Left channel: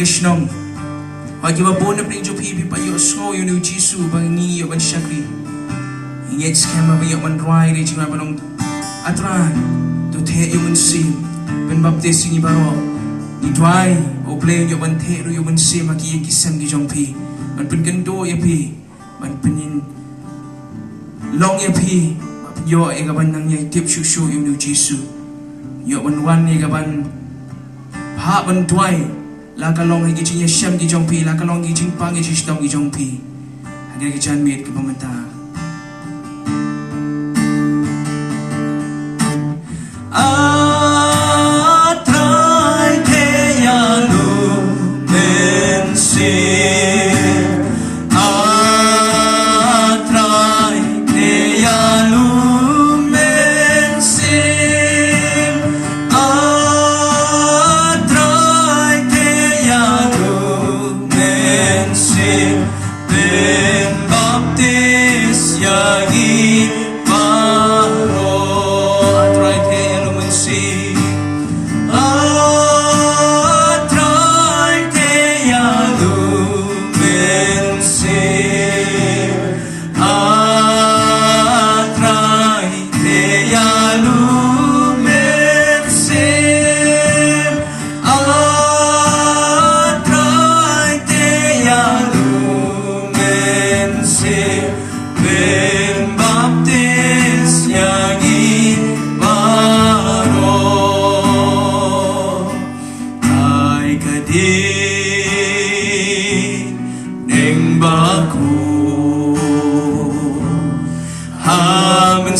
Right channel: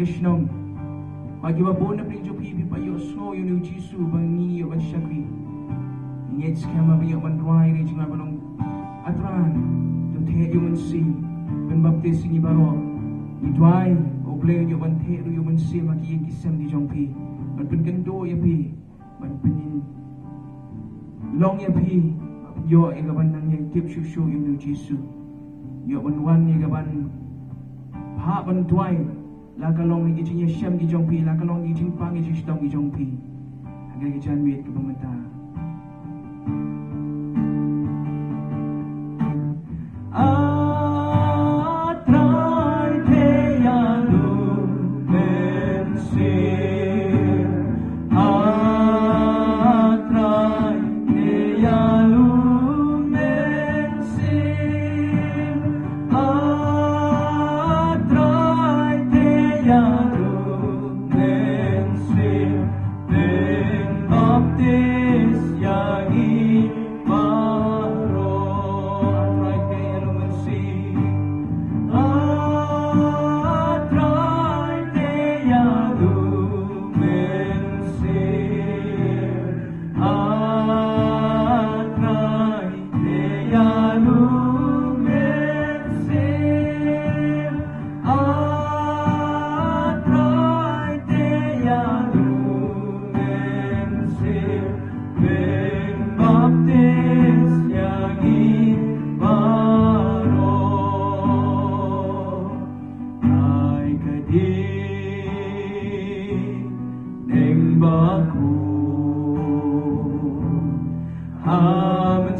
gashnong. Wagi mabunap ng Jopibi pa yo so yun yung Jisu bangi yo man syakri. Ingit skema ba yo man rai ri jinga panong atran to te yo man sim ben baptis ni baro ni dwai o play yo man te yo man sim maki kisam di jongpi man pen gando ya pi man penin long ya pi yo e gaban nang yai tip shu yo nu Jisu yo man wan ni gaban ha ban dwai la kalong hi giching yasham gi jongpi la kalong gi jing pang gi jishdong gi jongpi hagir gi chan mit gi pamanta atrai te ya lu men si atrai te ya lu men si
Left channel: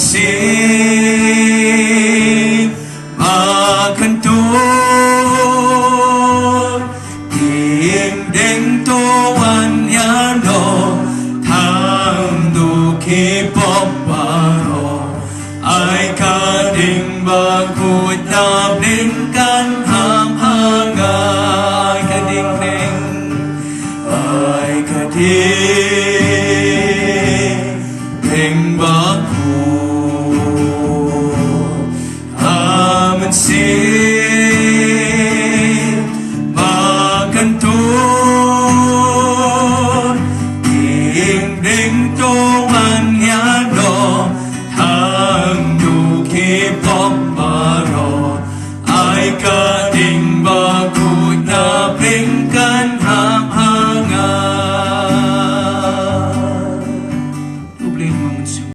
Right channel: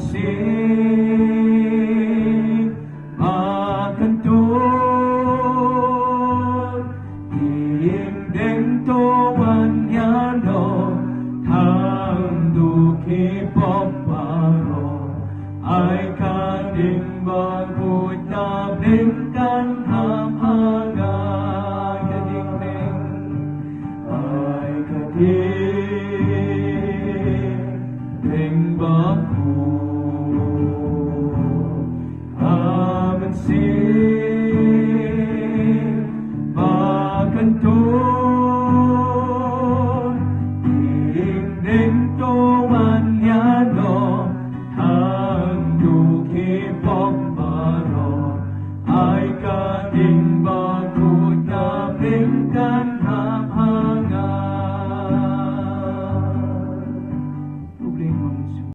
see